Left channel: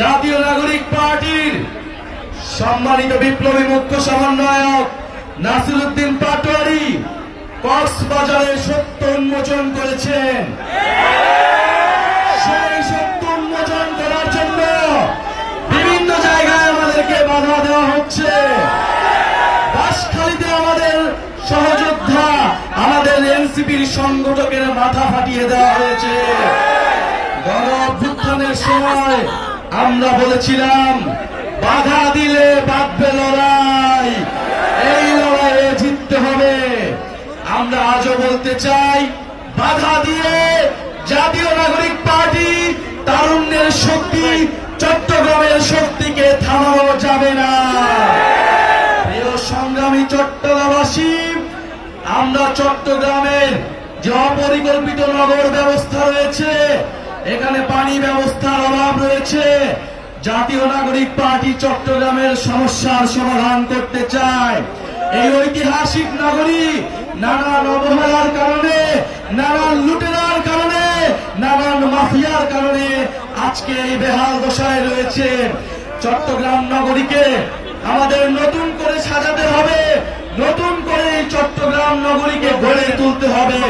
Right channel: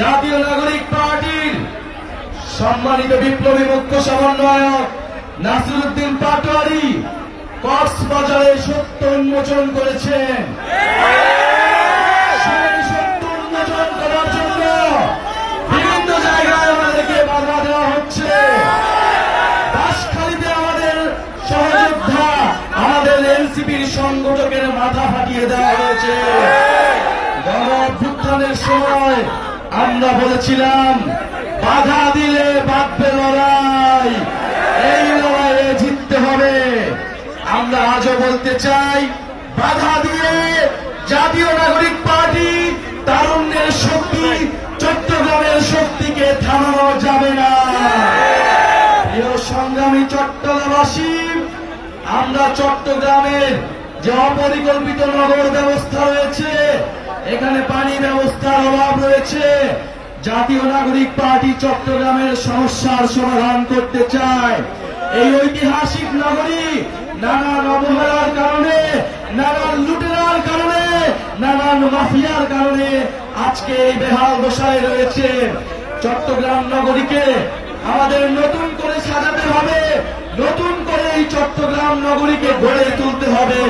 জাতীয় নাগরিক পার্টির সম্মানিত বিপ্লবী মুখ্য সমন্বয়ক নাসিরউদ্দিন পাটোয়ারি কক্সবাজারে সত্য উন্মোচন করেছেন। সেই সত্য উন্মোচন করার জন্য বিভিন্ন জায়গায় আমাদেরকে বাধা দেওয়া হচ্ছে। বাঁশখালীতে আমাদের সহযোদ্ধা, আমাদের এনসিপির সংগঠকের মাথা ফাটিয়ে দেওয়া হয়েছে। গণ অভ্যুত্থানের সময় আমরা বলেছিলাম বাধা দিলে বাঁধবে লড়াই, এই লড়াইয়ে জিততে হবে। আমরা আজও বলতে চাই বাধা দিয়ে জাতীয় নাগরিক পার্টি তারুণ্যের শক্তি, চট্টগ্রামের শক্তিকে থামানো যাবে না। প্রিয় সংগ্রামী চট্টগ্রামবাসী, আমরা চট্টগ্রামের যে অপরিকল্পিত নগর ব্যবস্থা রয়েছে, এখানে পানি ব্যবস্থার অভাব রয়েছে। জাতীয় নাগরিক পার্টি চট্টগ্রামের সমস্যার সমাধান করতে চায়। এই ঐতিহাসিক নগরী নানান অবহেলার কারণে, নানান লুটেরার কারণে, নানান মাফিয়ার কারণে আজকে এই বেহাল দশায় রয়েছে। চট্টগ্রাম নগরীকে আমাদের নতুন করে সাজাতে হবে, নতুন করে এই চট্টগ্রাম নগরীকে গড়ে তুলতে হবে।